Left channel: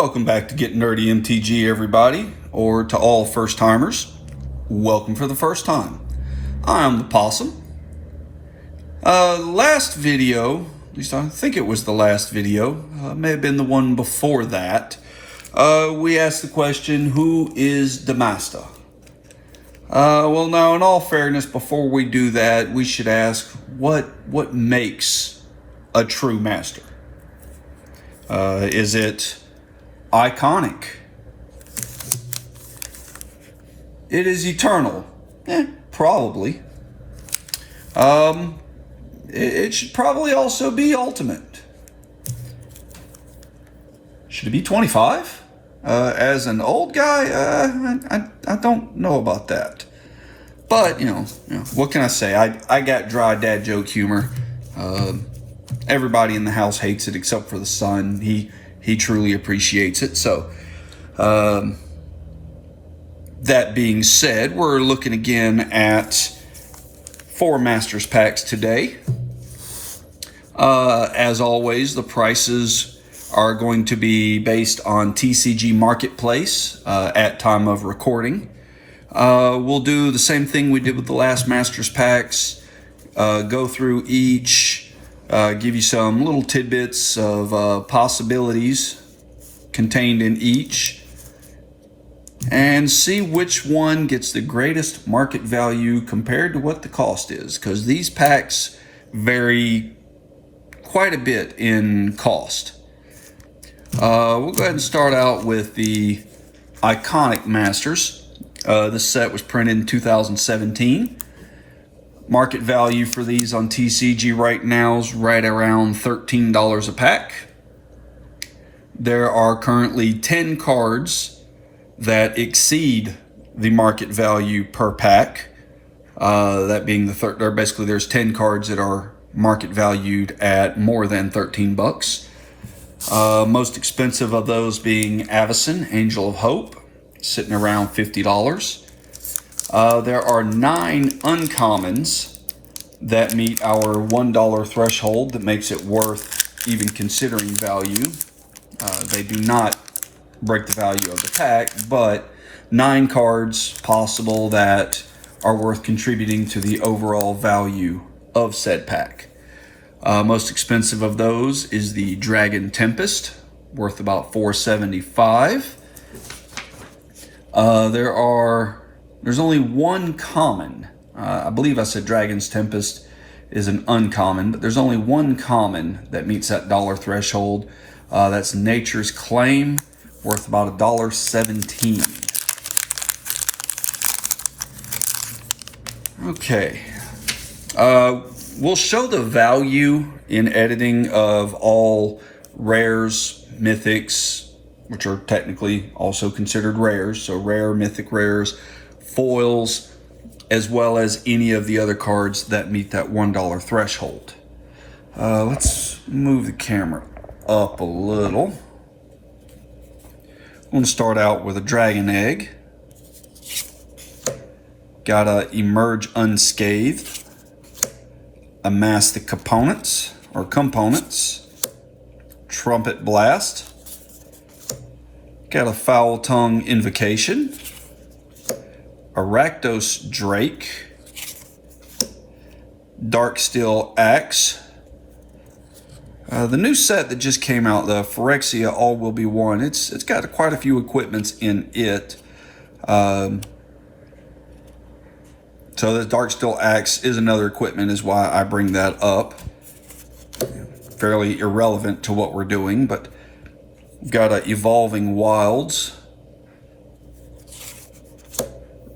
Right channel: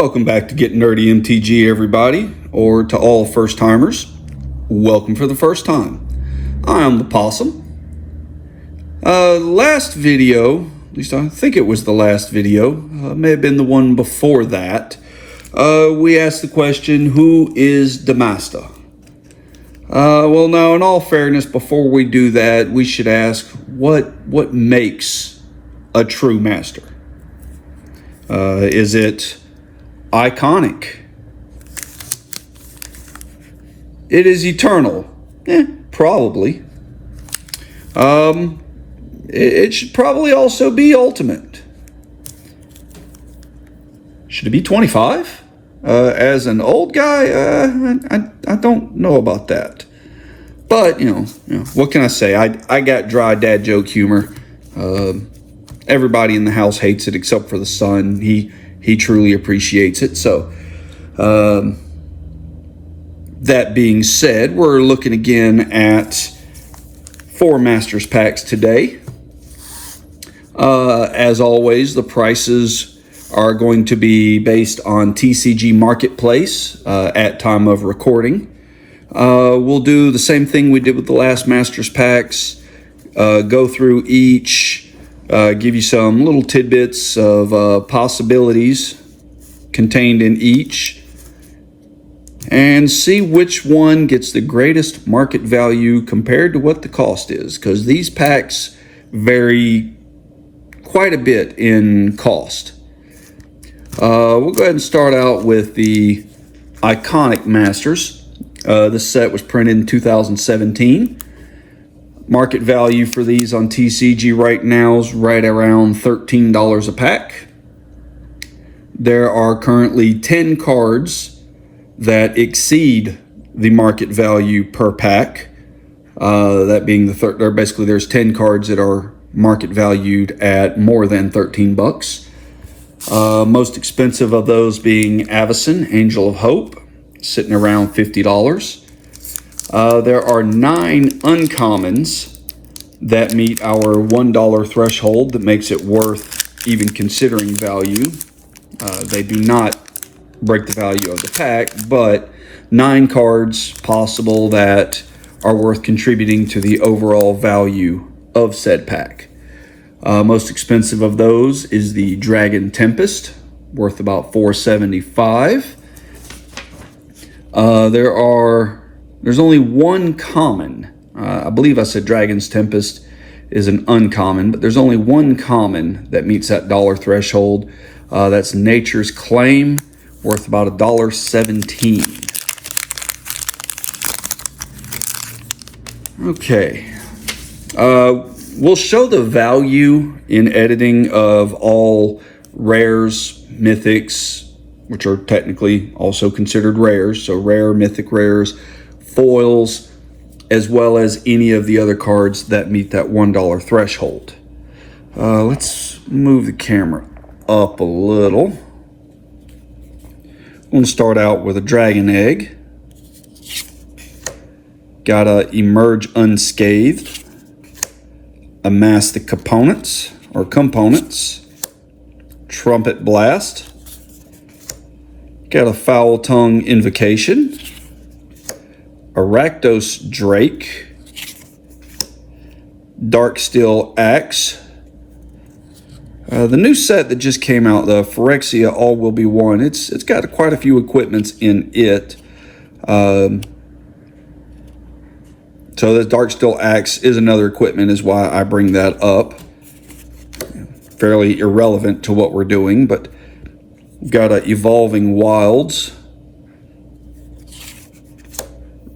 Welcome back to Get Nerdy MTG, everybody, or to all first-timers. Welcome for the first time. I'm Opossum. Last video, at least I think it was the last video, may have been the one before that, we asked the question, who is the master? Well, now, in all fairness, before we do that, we should ask, what makes a true master? Is it iconic? It is eternal? Probably. It should probably also be ultimate. Should it be 25? As an old guy, I don't know about that. But, you know, what can I say? I got dry dad joke humor. Everybody in the house hates it except for the son. He truly appreciates it. So, that being said, we're looking again at 4 Masters packs today. As always, the prices are going to be based on TCG Marketplace at time of recording. We'll do the same thing we did with the last Masters packs. Go through each. Give you some little tidbits of possibilities contained in each, and see which one gets the greatest market value compared to what the cost is, because these packs vary quite a bit in cost. We'll go ahead and start out with the Iconic Masters. This set was printed in 2017. Market value for these on TCG right now is right around $13 a pack. There are currently 10 cards that exceed the market value per pack. That being the third, or basically there's 10 cards that are market valued at more than 13 bucks. Most expensive of those being Avacyn, Angel of Hope, sitting around $50. There are 9 uncommons that meet our $1 threshold that makes it worth even considering value. They do not break the value of the pack, but 9 cards possible that are worth contributing to the overall value of said pack. Most expensive of those is the Dragon Tempest, worth about $4.75. There's only one common. I believe I said Dragon's Tempest is an uncommon, but there's only one common that meets that dollar threshold. That's Nature's Claim, worth about $1.17. Okay. We'll show the value in editing of all rares, mythics, which are technically also considered rares, so rare, mythic rares, foils, as well as any of the other cards that meet that $1 threshold. Let's move the camera up a little. I'm going to start out with a Dragon Egg. Gotta emerge unscathed. Amass the components, Trumpet Blast. Got a Foul Tongue Invocation. Rakdos Drake. Darksteel Axe. The new set that just came out, the Phyrexia All Will Be One, it's got quite a few equipments in it. So the Darksteel Axe is another equipment, is why I bring that up. Fairly irrelevant to what we're doing, but we've got a Evolving Wilds.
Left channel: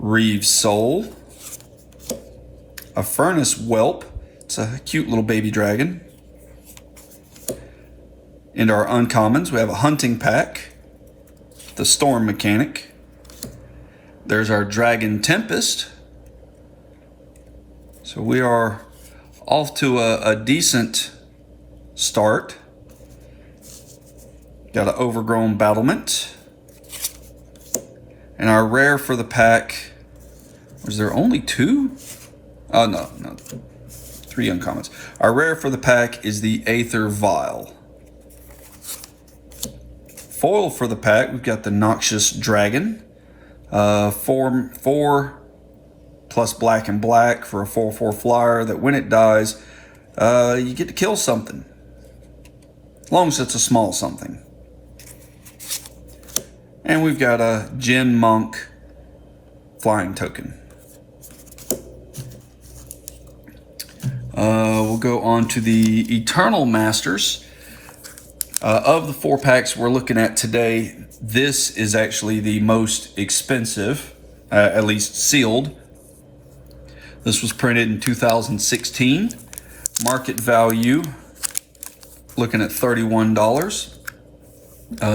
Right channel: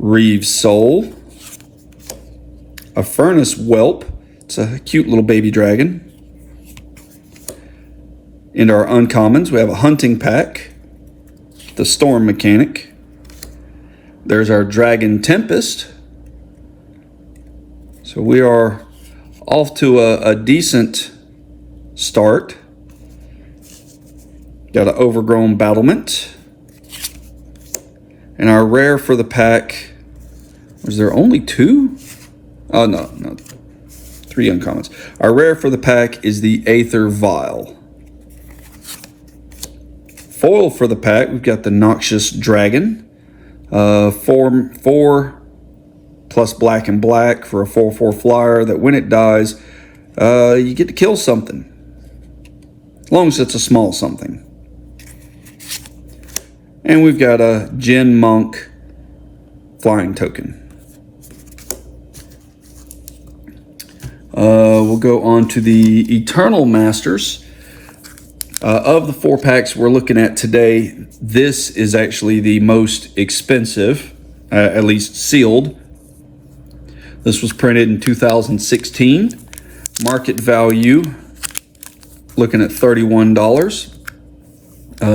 Reeve's Soul. A Furnace Whelp. It's a cute little baby dragon. In our uncommons, we have a Hunting Pack. The Storm Mechanic. There's our Dragon Tempest. So we are off to a decent start. Got an Overgrown Battlement. And our rare for the pack, is there only 2? Oh, no, 3 uncommons. Our rare for the pack is the Aether Vial. Foil for the pack, we've got the Noxious Dragon. 4 plus black and black for a 4/4 flyer that when it dies, you get to kill something. As long as it's a small something. And we've got a Jin Monk flying token. We'll go on to the Eternal Masters. Of the 4 packs we're looking at today, this is actually the most expensive, at least sealed. This was printed in 2016. Market value, looking at $31.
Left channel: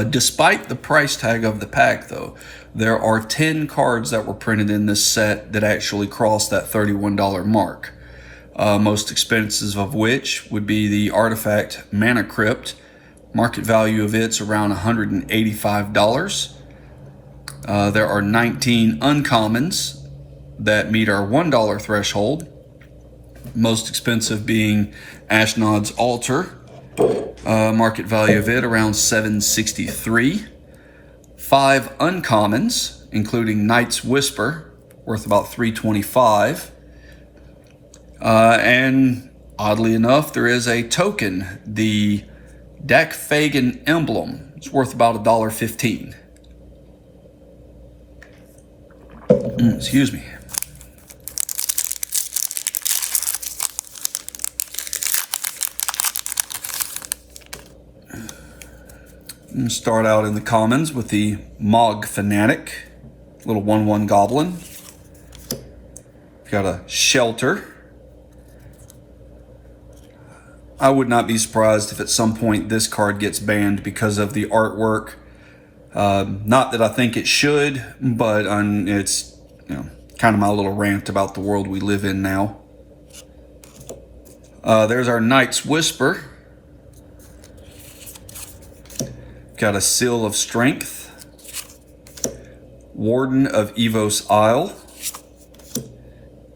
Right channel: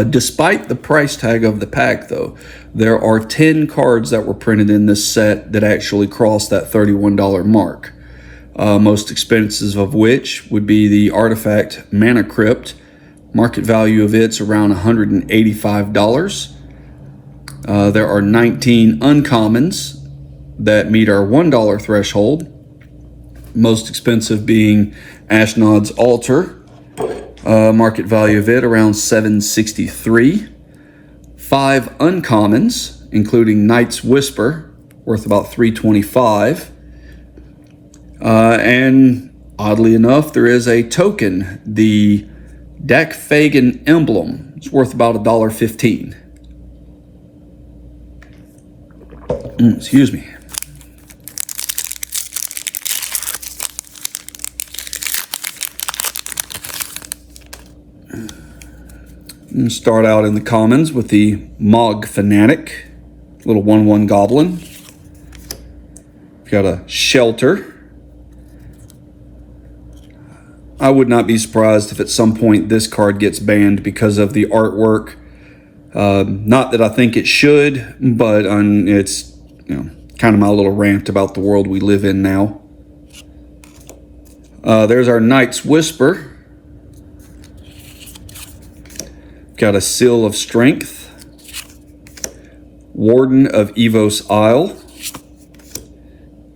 Despite the price tag of the pack, though, there are 10 cards that were printed in this set that actually crossed that $31 mark. Most expensive of which would be the artifact Mana Crypt. Market value of it's around $185. There are 19 uncommons that meet our $1 threshold. Most expensive being Ashnod's Altar. Market value of it around $763. 5 uncommons, including Knight's Whisper, worth about $325. And oddly enough, there is a token, the Dakfagan Emblem. It's worth about $1.15. Excuse me. And start out in the commons with the Mog Fanatic, little 1/1 goblin. Got a Shelter. I would not be surprised if at some point this card gets banned because of the artwork. Not that I think it should, but it's kind of my little rant about the world we live in now. There's our Knight's Whisper. Got a Seal of Strength. Warden of Evos Isle.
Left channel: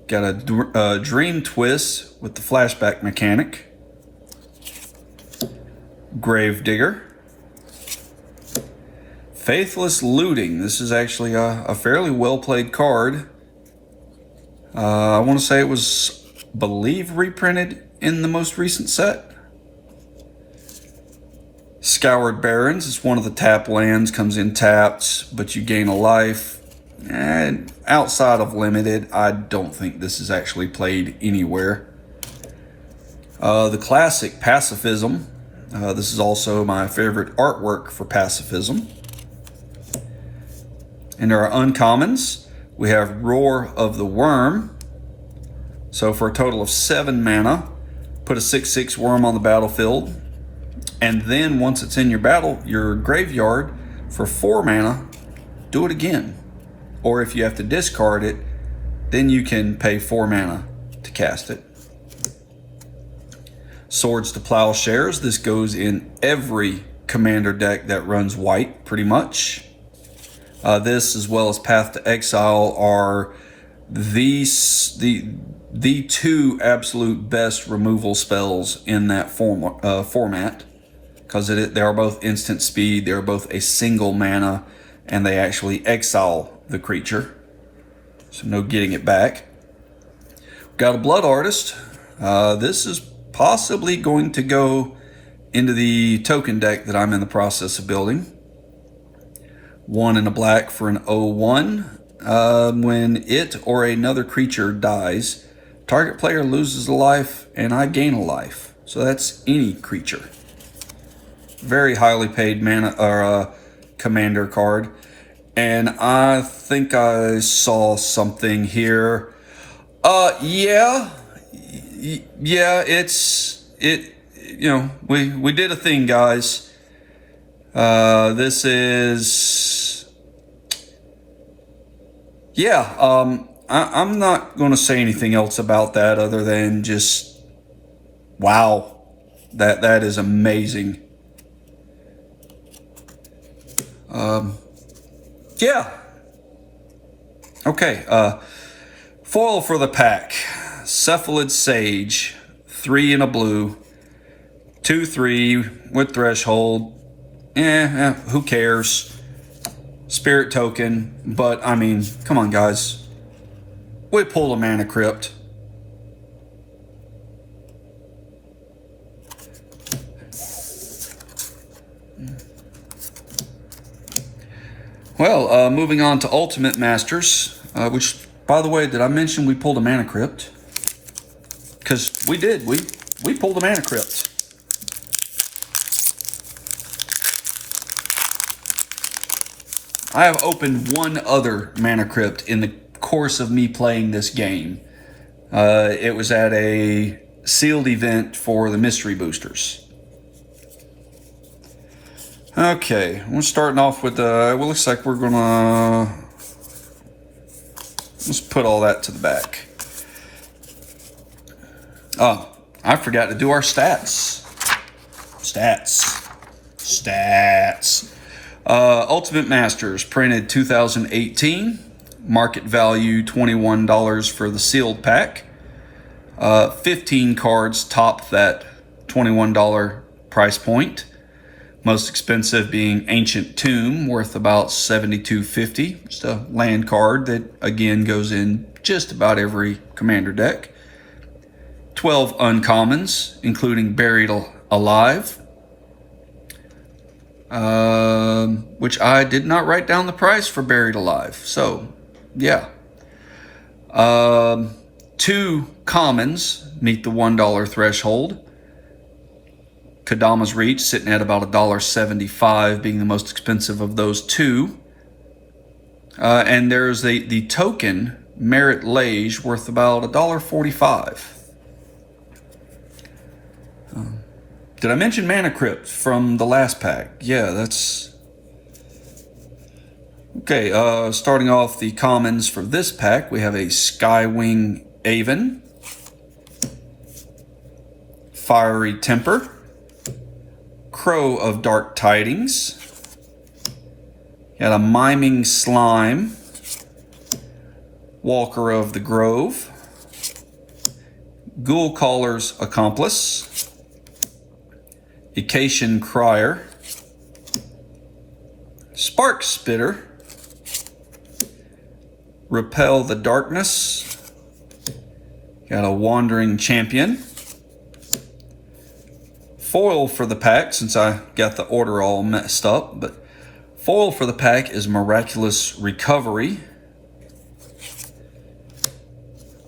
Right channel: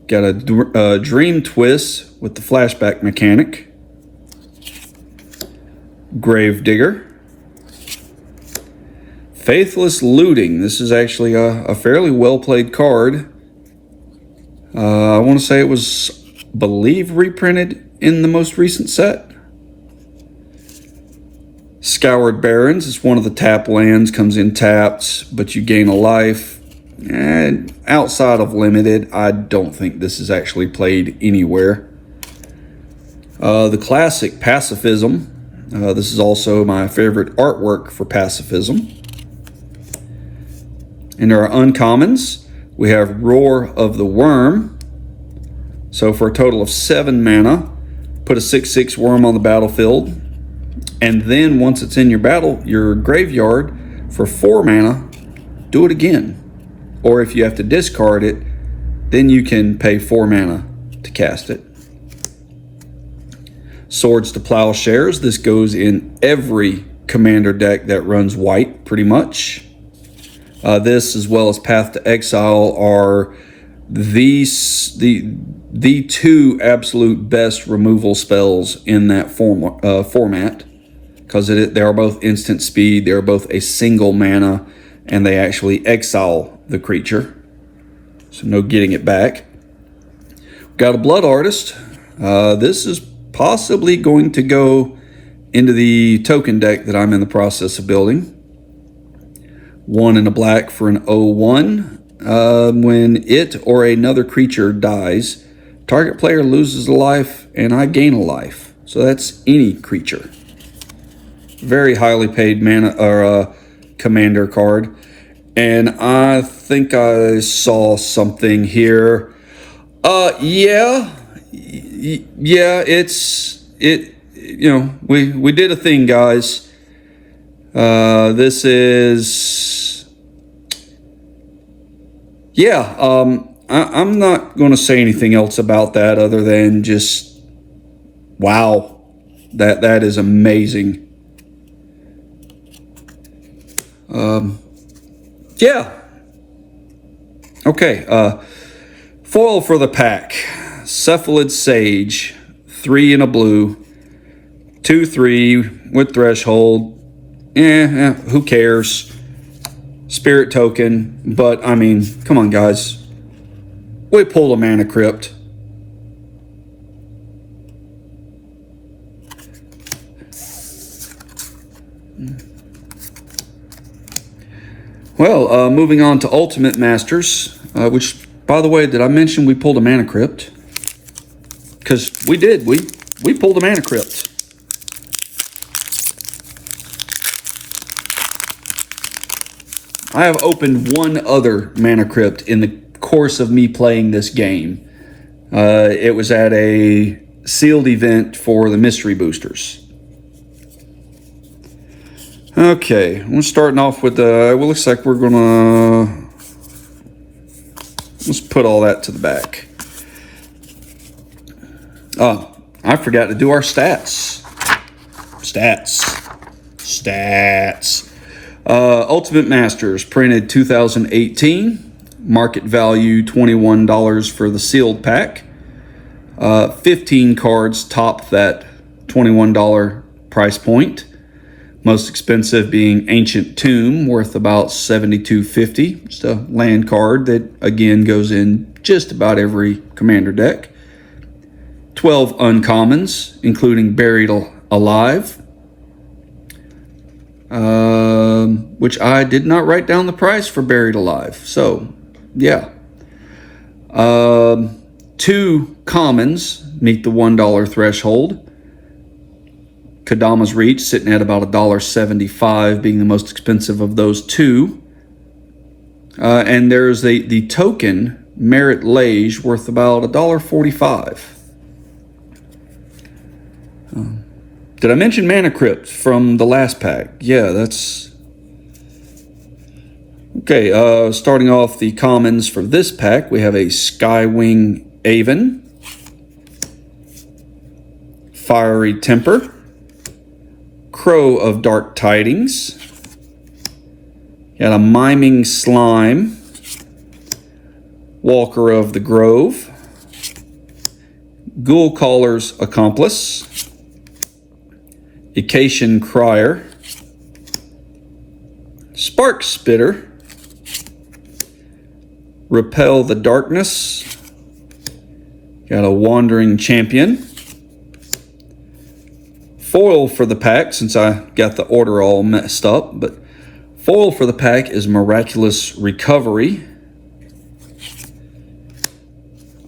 Got a Dream Twist with the flashback mechanic. Gravedigger. Faithless Looting. This is actually a fairly well played card. I want to say it was, believe, reprinted in the most recent set. Scoured Barrens. It's one of the tap lands, comes in tapped, but you gain a life. And outside of limited, I don't think this is actually played anywhere. The classic Pacifism. This is also my favorite artwork for Pacifism. In our uncommons, we have Roar of the Worm. So for a total of 7 mana, put a 6/6 worm on the battlefield. And then once it's in your graveyard, for 4 mana, do it again. Or if you have to discard it, then you can pay 4 mana to cast it. Swords to Plowshares. This goes in every commander deck that runs white, pretty much. This, as well as Path to Exile, are the 2 absolute best removal spells in that format. Because they are both instant speed, they are both a single mana, and they actually exile the creature. So no getting it back. Got a Blood Artist. This is possibly going to go into the token deck that I'm in the process of building. 1 and a black for an 0/1. When it or another creature dies, target player loses a life and I gain a life. So that's any creature. Very highly paid mana or commander card. And I think I saw something here. We did a thing, guys. This is, I'm not going to say anything else about that other than just, wow, that is amazing. Okay, foil for the pack. Cephalid Sage, 3 in a blue, 2/3 with threshold. Who cares? Spirit token, but I mean, come on, guys. We pulled a mana crypt. Well, moving on to Ultimate Masters, which, by the way, did I mention we pulled a mana crypt? Because we did. We pulled a mana crypt. I have opened one other mana crypt in the course of me playing this game. It was at a sealed event for the mystery boosters. Okay, I'm starting off with well, looks like we're gonna, let's put all that to the back. Oh, I forgot to do our stats. Stats. Ultimate Masters, printed 2018. Market value $21 for the sealed pack. 15 cards topped that $21 price point. Most expensive being Ancient Tomb, worth about $72.50. Just a land card that, again, goes in just about every commander deck. 12 uncommons, including Buried Alive, which I did not write down the price for Buried Alive. So, yeah. 2 commons meet the $1 threshold. Kadama's Reach sitting at about $1.75, being the most expensive of those 2. And there's the token Merit Lage, worth about $1.45. Did I mention Mana Crypt from the last pack? Yeah, that's... Okay, starting off the commons for this pack, we have a Skywing Aven, Fiery Temper, Crow of Dark Tidings, got a Miming Slime, Walker of the Grove, Ghoul Caller's Accomplice, Acacian Crier, Spark Spitter, Repel the Darkness, got a Wandering Champion, foil for the pack, since I got the order all messed up, but foil for the pack is Miraculous Recovery.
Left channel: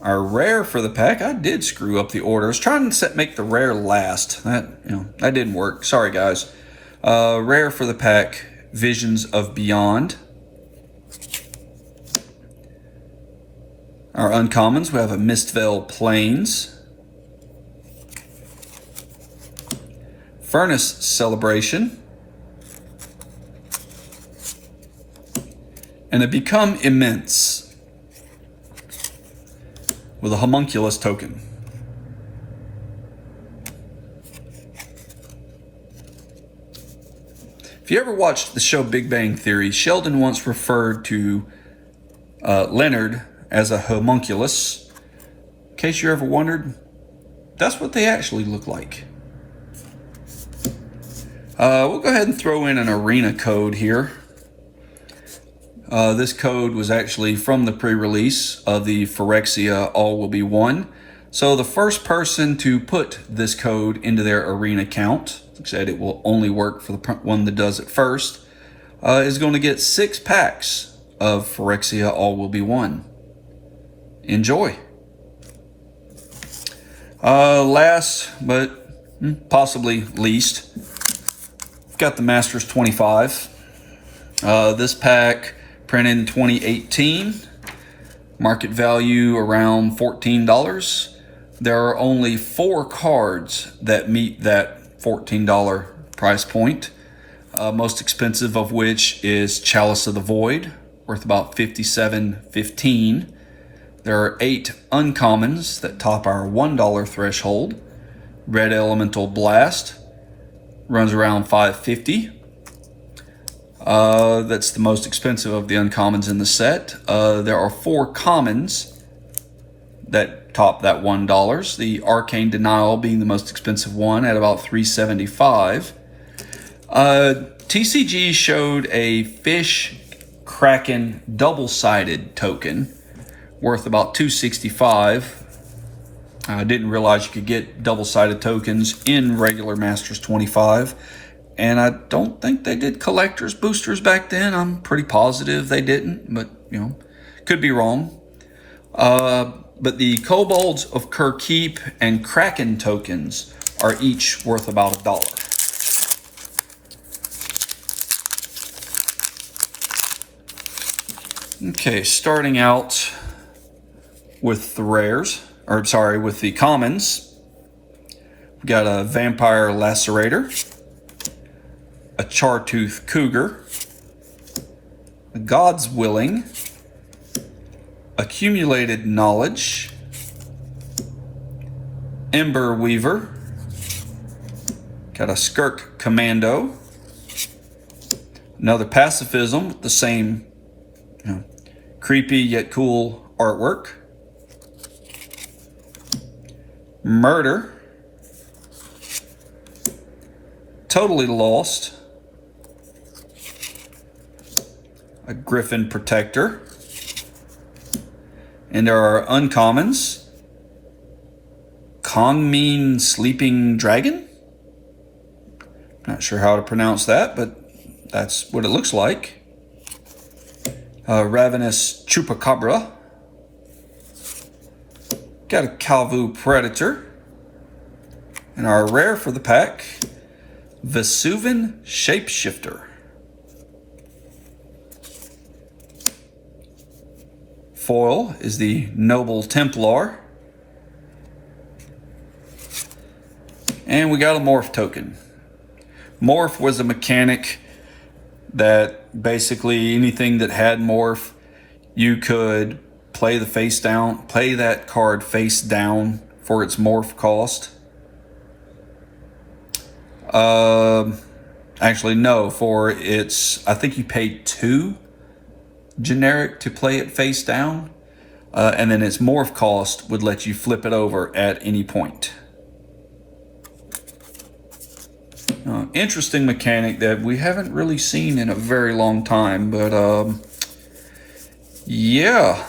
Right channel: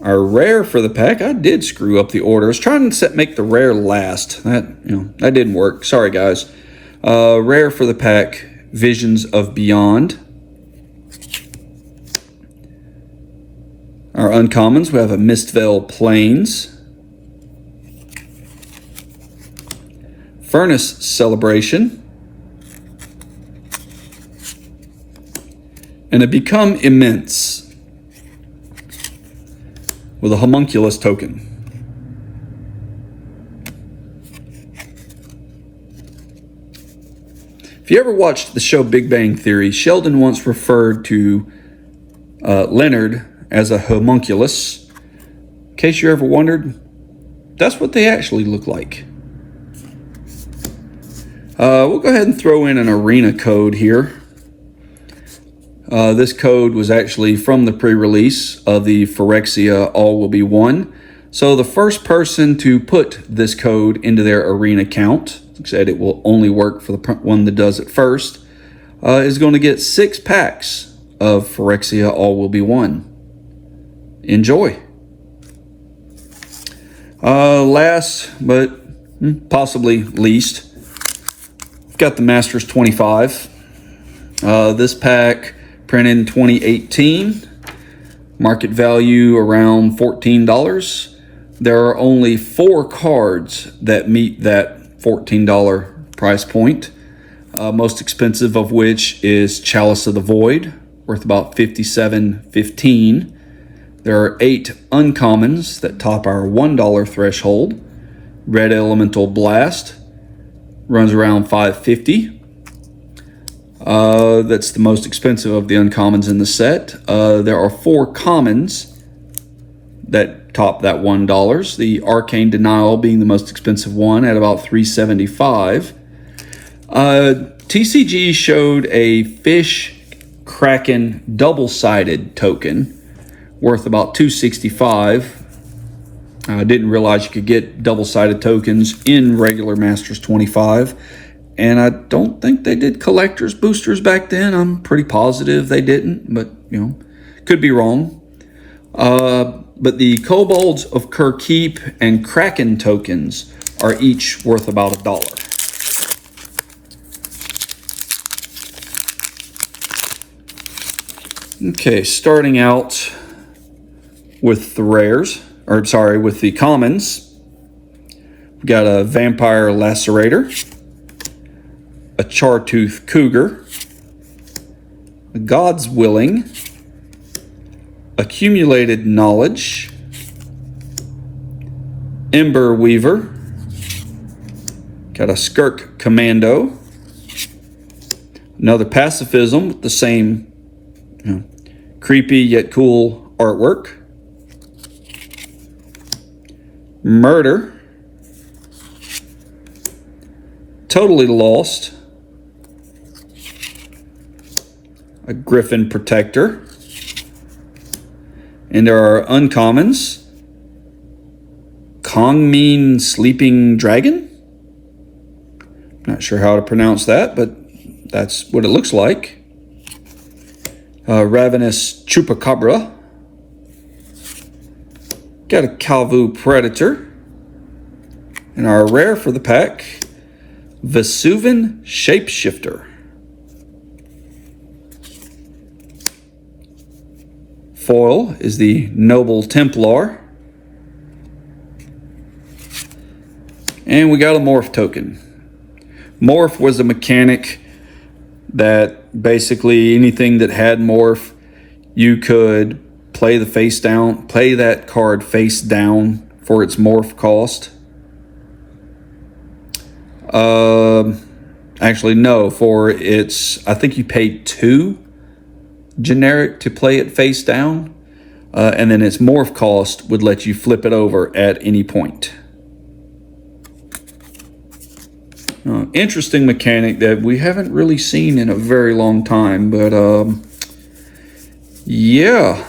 Our rare for the pack, I did screw up the order. I was trying to make the rare last. That didn't work. Sorry, guys. Rare for the pack, Visions of Beyond. Our uncommons, we have a Mistveil Plains, Furnace Celebration, and a Become Immense with a Homunculus token. If you ever watched the show Big Bang Theory, Sheldon once referred to Leonard as a homunculus. In case you ever wondered, that's what they actually look like. We'll go ahead and throw in an arena code here. This code was actually from the pre-release of the Phyrexia All Will Be One. So the first person to put this code into their arena count, like I said, it will only work for the one that does it first, is going to get 6 packs of Phyrexia All Will Be One. Enjoy. Last, but possibly least, I've got the Masters 25. This pack printed in 2018. Market value around $14. There are only 4 cards that meet that $14 price point. Most expensive of which is Chalice of the Void, worth about $57.15. There are 8 uncommons that top our $1 threshold. Red Elemental Blast runs around $5.50. That's the most expensive of the uncommons in the set. There are 4 commons that top that $1. The Arcane Denial being the most expensive one at about $3.75. 2 TCG showed a fish kraken double-sided token worth about $265. I didn't realize you could get double-sided tokens in regular Masters 25, and I don't think they did collector's boosters back then. I'm pretty positive they didn't, but could be wrong. But the Kobolds of Keep and Kraken tokens are each worth about $1. Okay, starting out with the rares, with the commons. We've got a Vampire Lacerator, a Chartooth Cougar, a God's Willing, Accumulated Knowledge, Ember Weaver, got a Skirk Commando, another Pacifism with the same creepy yet cool artwork, Murder, Totally Lost, a Griffin Protector, and there are uncommons, Kongmeen Sleeping Dragon, not sure how to pronounce that, but that's what it looks like, Ravenous Chupacabra, got a Kalvu Predator, and our rare for the pack, Vesuvan Shapeshifter. Foil is the Noble Templar. And we got a Morph token. Morph was a mechanic that basically anything that had Morph, you could play that card face down for its Morph cost. Actually, no, for its, I think you paid 2 generic to play it face down, and then its Morph cost would let you flip it over at any point. Interesting mechanic that we haven't really seen in a very long time, but yeah.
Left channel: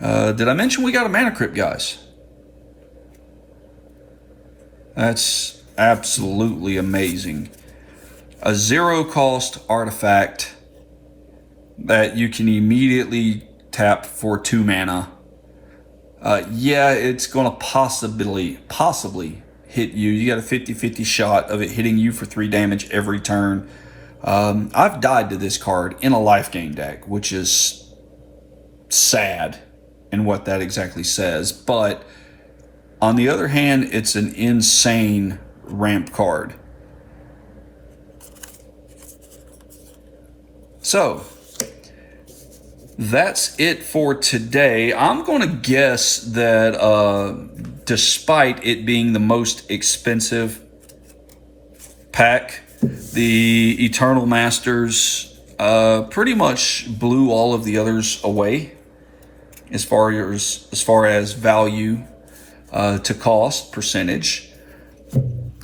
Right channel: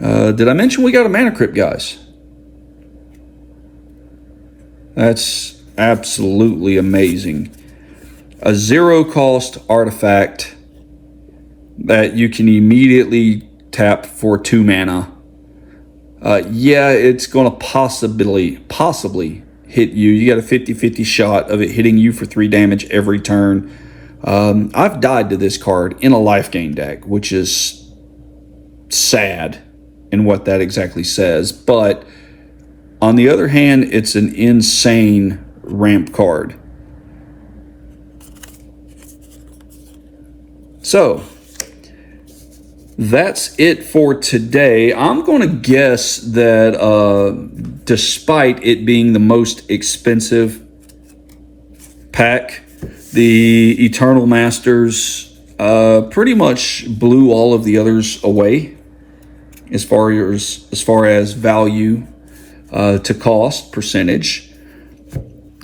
Did I mention we got a Mana Crypt, guys? That's absolutely amazing. A 0 cost artifact that you can immediately tap for 2 mana. Yeah, it's going to possibly hit you. You got a 50-50 shot of it hitting you for 3 damage every turn. I've died to this card in a life gain deck, which is sad in what that exactly says. But on the other hand, it's an insane ramp card. So that's it for today. I'm going to guess that despite it being the most expensive pack, the Eternal Masters pretty much blew all of the others away as far as value to cost percentage.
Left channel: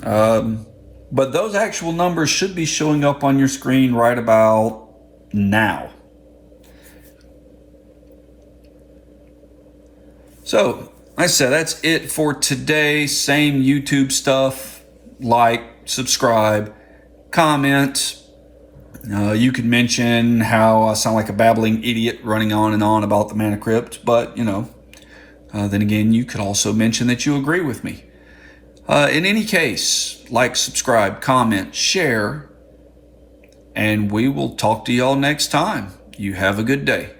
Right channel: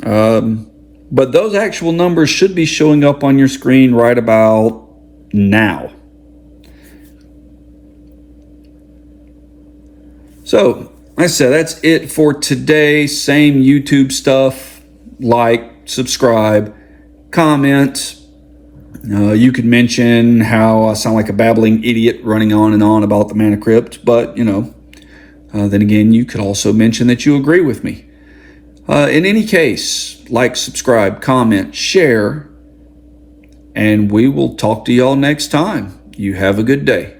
But those actual numbers should be showing up on your screen right about now. So, like I said, that's it for today. Same YouTube stuff. Like, subscribe, comment. You could mention how I sound like a babbling idiot running on and on about the Mana Crypt, but, then again, you could also mention that you agree with me. In any case, like, subscribe, comment, share, and we will talk to y'all next time. You have a good day.